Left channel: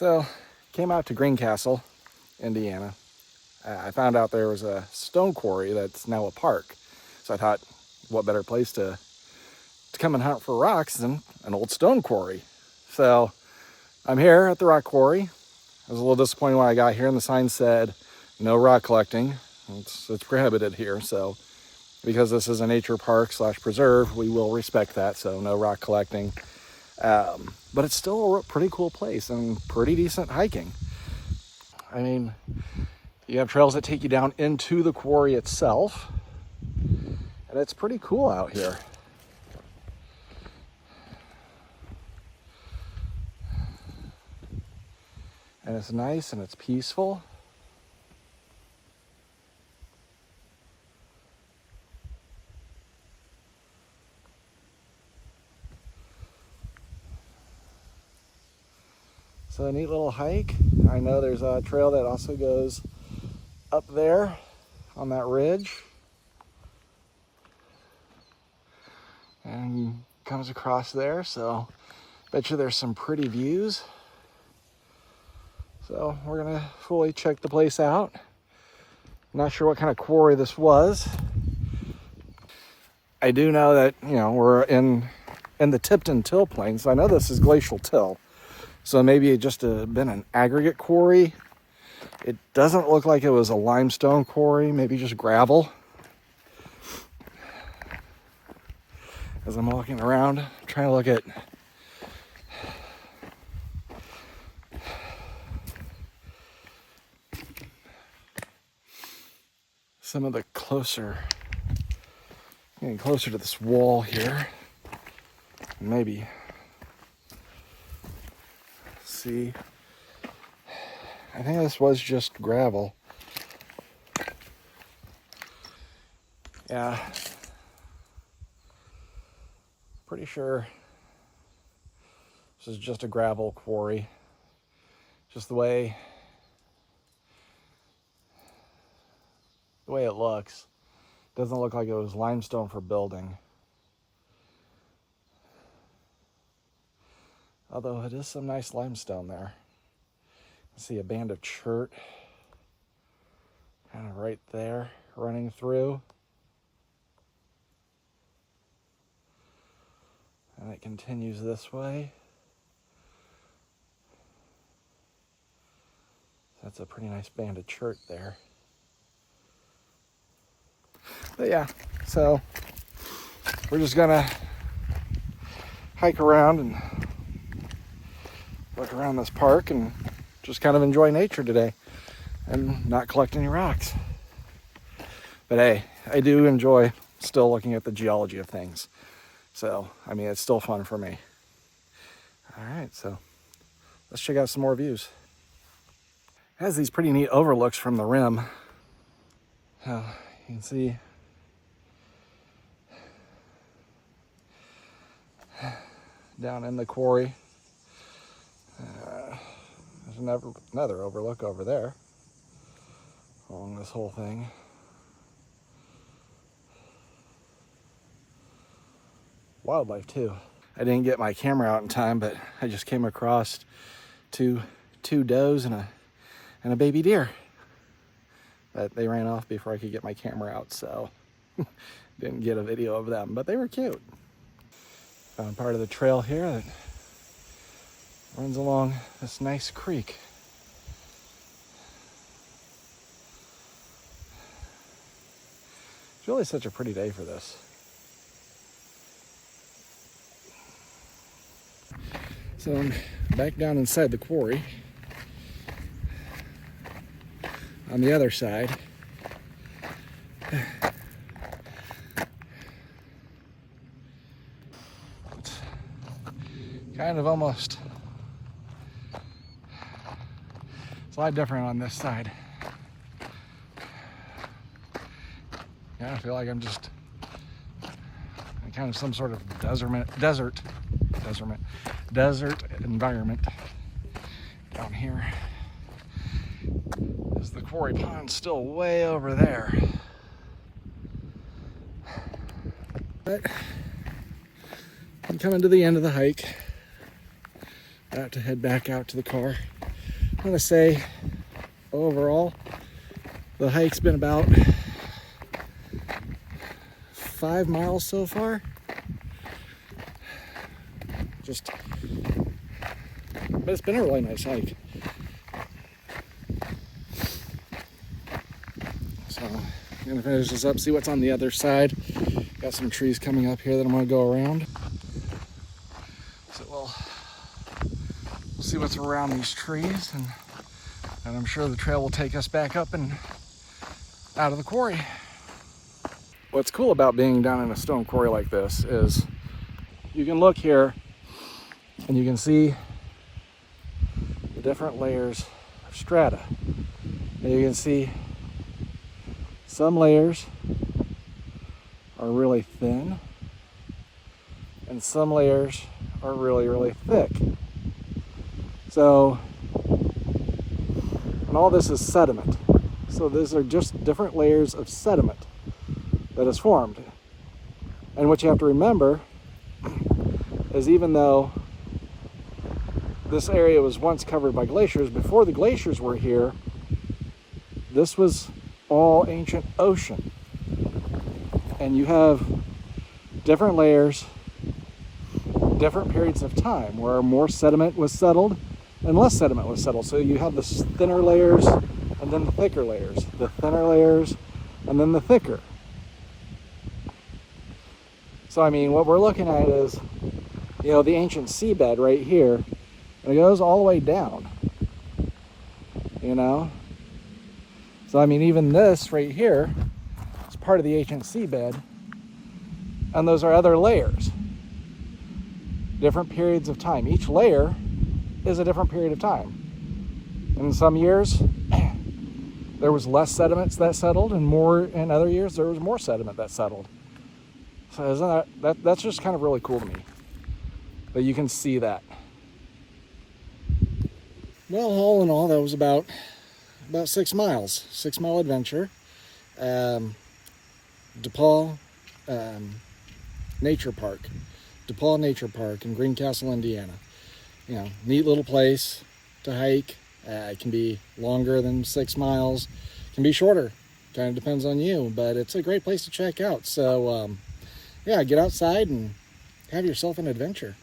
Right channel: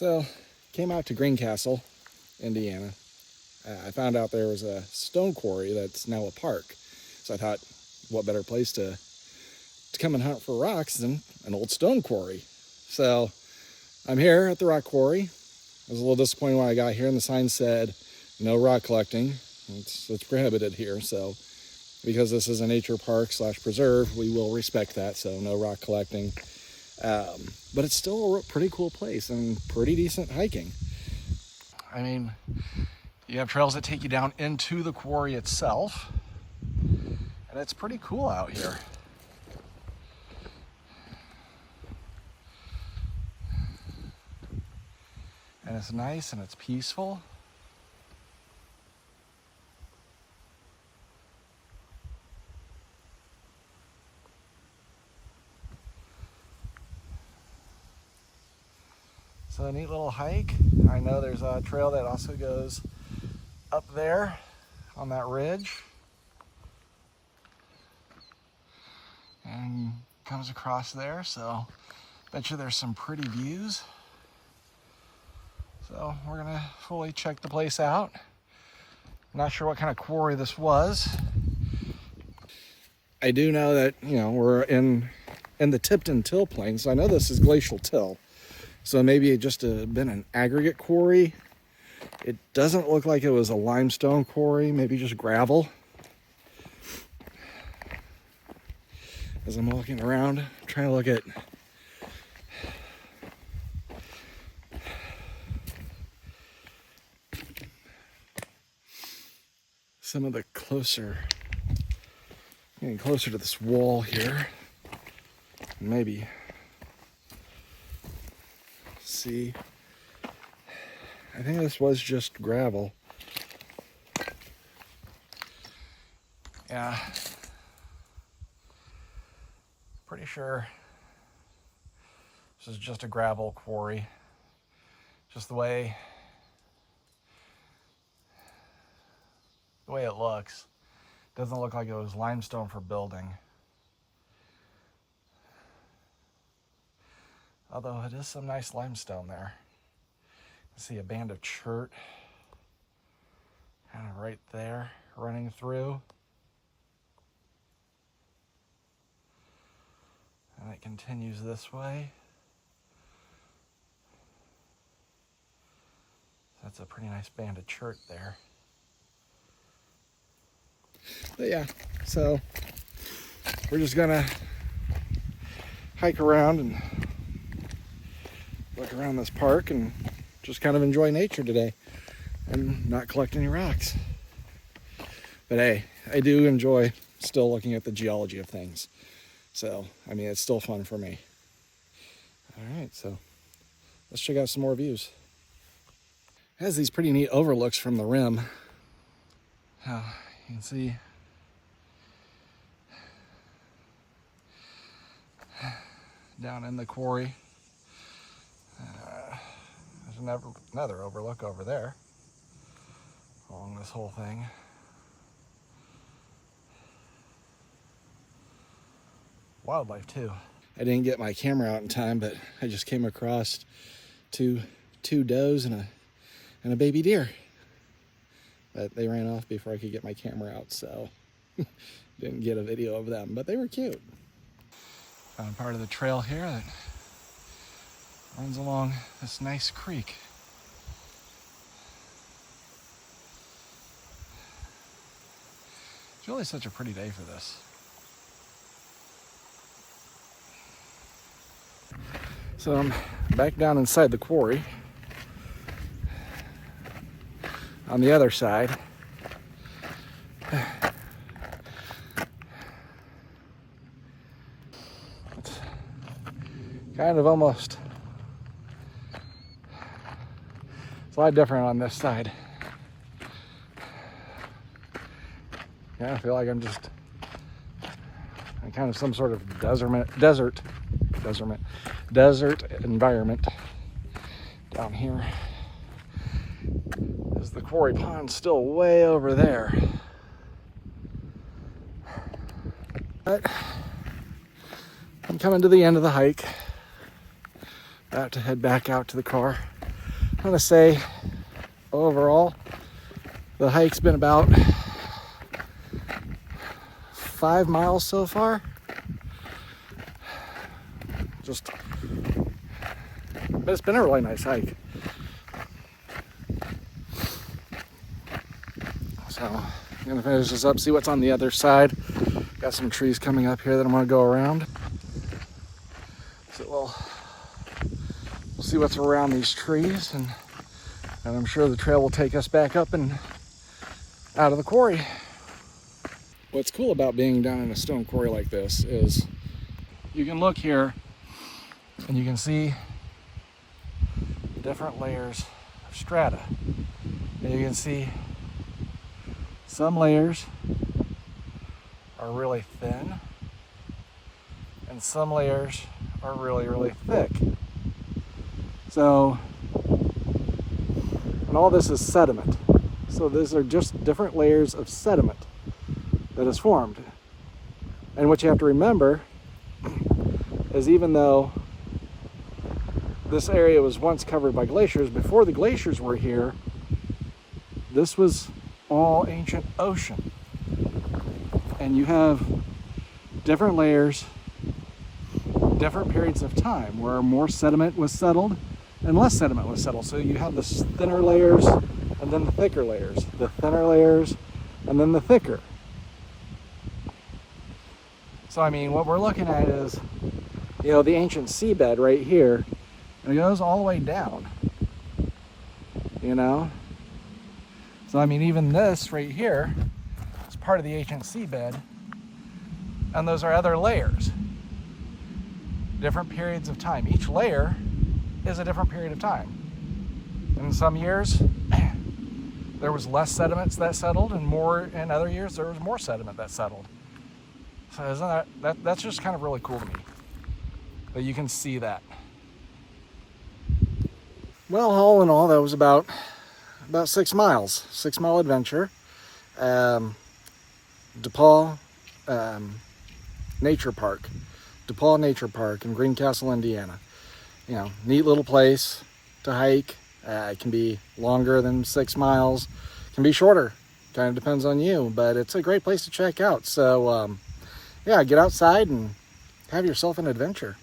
So, came out to Greencastle, Indiana. I found out there was a stone quarry that's now a park. So I thought, what better place to come and hunt for rocks than an old stone quarry. So I'm here at the rock quarry. I was a little disappointed when I got here and the sign said, no rock collecting. It's prohibited here. So because this is a nature park / preserve, we will respect that. So no rock collecting. But it's still a pretty cool place and pretty decent hiking. I mean, you have trails that take you down into the quarry itself, and it's pretty cool out here. And it's nice and it's peaceful. So a neat little hike. I know there's a trail that also goes up there on that ridge and comes across there. So bet you there's some pretty views. So we're gonna fully check the place out. Not sure what kind of quarry this was. I do know that, you know, we're in the Tipton Till Plain, so I know this is glacial till. So maybe it just been an aggregate quarry. It doesn't look like it was a limestone quarry, maybe just gravel. As I'm walking around, trying to look at some of the getting closer to this wall here. Maybe see. I think this was just gravel. Yeah. Pretty sure this is just a gravel quarry. Just the way it looks. Doesn't look like it was limestone for building. Although it is some nice limestone there. See a band of chert kind of right there running through. And it continues this way. That's a pretty nice band of chert there. But yeah, so we're just gonna hike around and look around this park and just kind of enjoy nature today and not collect any rocks. But hey, I do enjoy still looking at the geology of things. So, I mean, it's still fun for me. All right, so let's check out some more views. It has these pretty neat overlooks from the rim. You can see down in the quarry. There's another overlook over there along this whole thing. Wildlife too. I didn't get my camera out in time, but I just came across two does and a baby deer. But they ran off before I could get my camera out, so didn't get a video of them, but they were cute. Found part of the trail here that runs along this nice creek. It's really such a pretty day for this. So I'm back down inside the quarry. On the other side, it's kind of almost, it's a lot different on this side. Yeah, I feel like I'm kind of some sort of desert environment down here. There's the quarry pond still way over there. But I'm coming to the end of the hike. About to head back out to the car. gonna say overall, the hike's been about 5 miles so far. But it's been a really nice hike. So I'm gonna finish this up, see what's on the other side. Got some trees coming up here that I'm gonna go around. So we'll see what's around these trees, and I'm sure the trail will take us back up and out of the quarry. What's cool about being down in a stone quarry like this is you can look here and you can see the different layers of strata. And you can see some layers are really thin and some layers are really, really thick. So, and all this is sediment. So these are just different layers of sediment that is formed. And what you have to remember is, even though this area was once covered by glaciers, before the glaciers were here, this was all ancient ocean. And you have different layers, different periods of time where more sediment was settled and less sediment was settled. So you have the thinner layers and then the thicker layers, the thinner layers and then the thicker. So I mean, what we're looking at is, you know, the ancient seabed right here, and it goes all the way down, you know? So I mean, even this right here is part of the ancient seabed, and those are other layers, different periods of time. Each layer is a different period of time. In some years, there was less sediments that settled, and more in other years there was more sediment that settled. So isn't that's just kind of really cool to me, that you can see that. Well, all in all, that was about 6 miles, 6 mile adventure. DePauw Nature Park, DePauw Nature Park in Greencastle, Indiana. You know, neat little place to hike. It can be longer than 6 miles, can be shorter, kind of depends on you, but it's a great place to check out. So yeah, get outside and have yourself an adventure.